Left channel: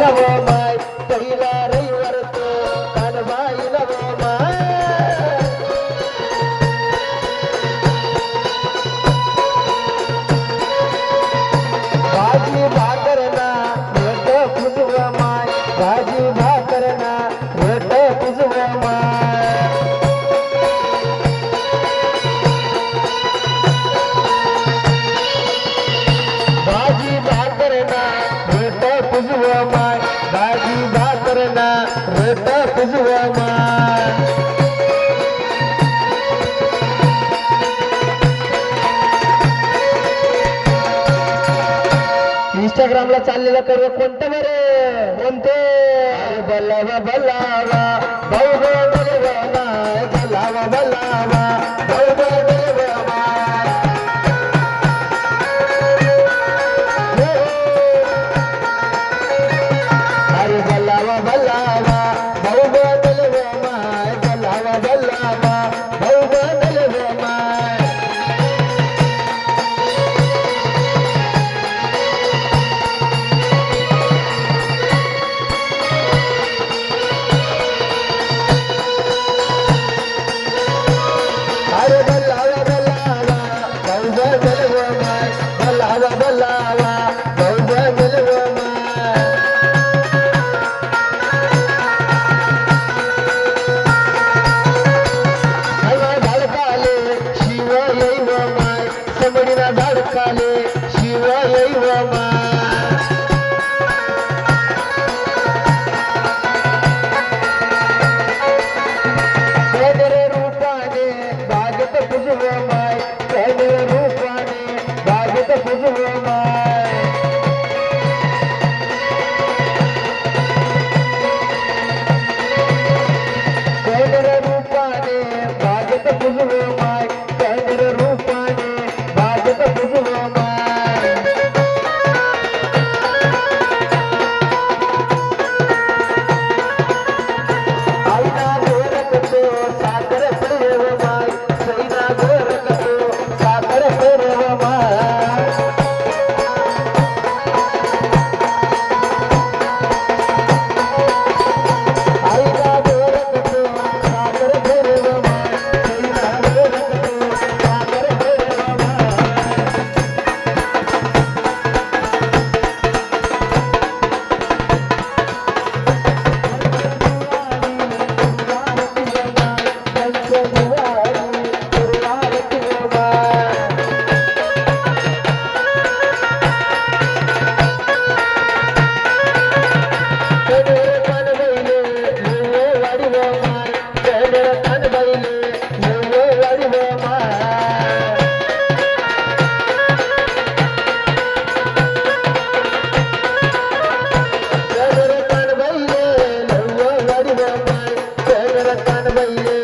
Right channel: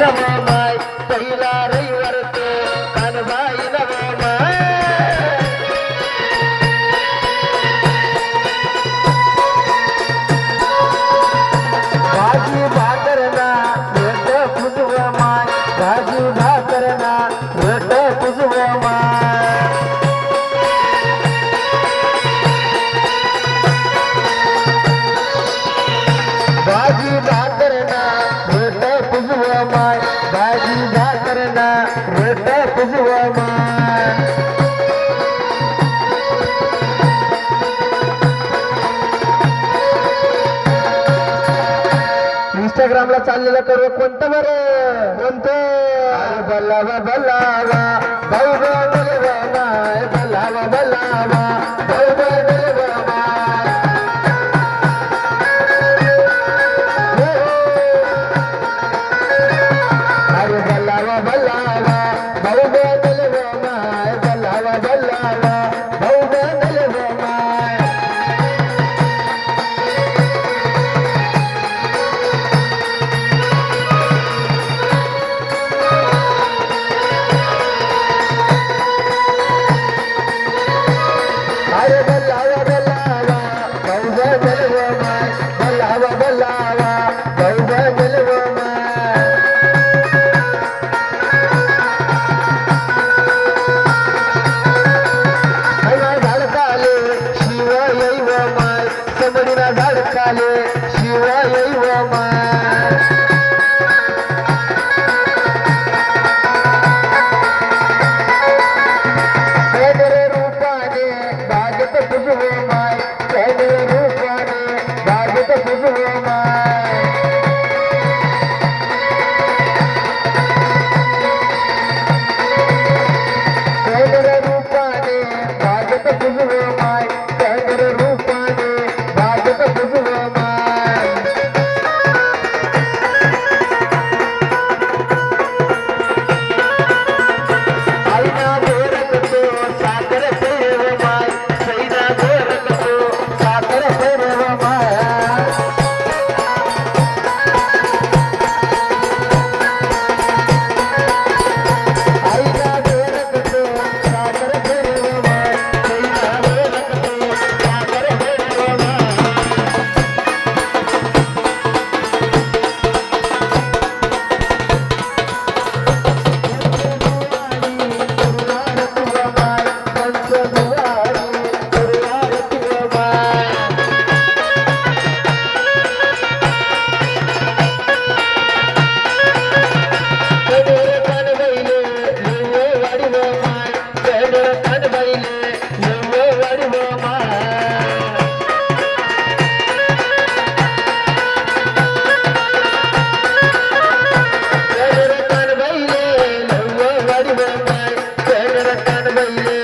नवो माय पहिला रविवार तो कानबाई नवो माय भाजी भाकरना भेट पुजव माय इंस्टाग्रामला चाललेला करू. कोणतं बरं? कोणतं? बल्लावा बल्लावा भाऊ भाऊ बरे बला आया ಬಂದೆ